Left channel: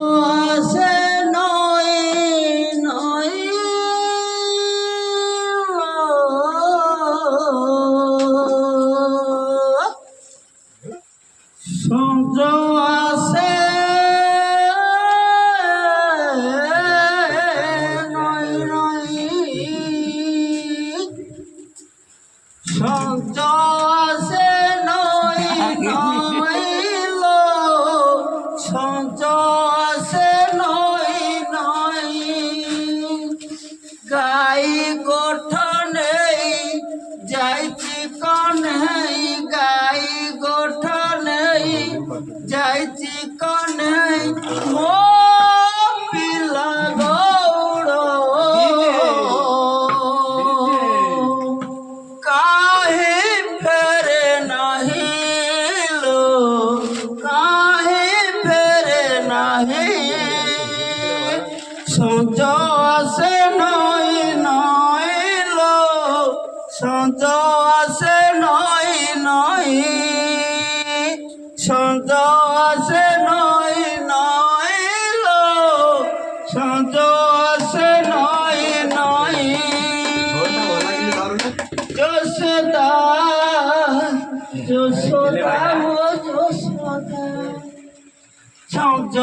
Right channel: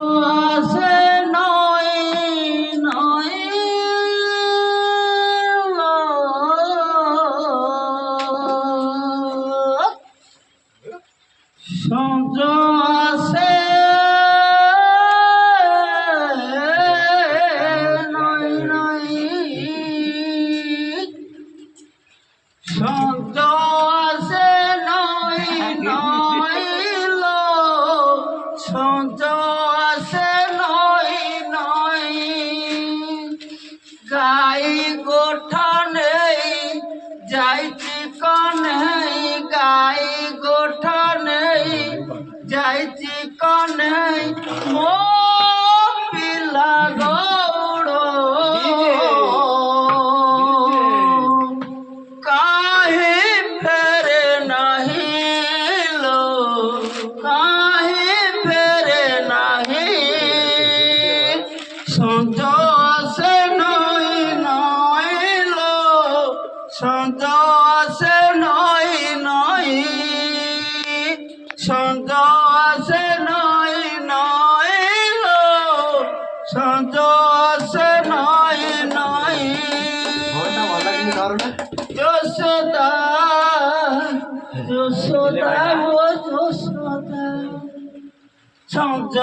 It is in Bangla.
আছে নয় নয় সঞ্জ আছে নয় নয় সঞ্জ আছে নয় নয় সঞ্জ আছে নয় নয় গাই গোঠনে যাইছি কনে গাই গোঠনে যাইছি কনে মো পিলা গৌড় কাহে ফেরে নাহি লো কাহে ফেরে নাহি সঞ্জ আছে নয় নয় লো সঞ্জ আছে নয় নয় সঞ্জ আছে নয় নয় লো সঞ্জ আছে নয় নয় যশোদা যশোদা ও যশোদা সঞ্জ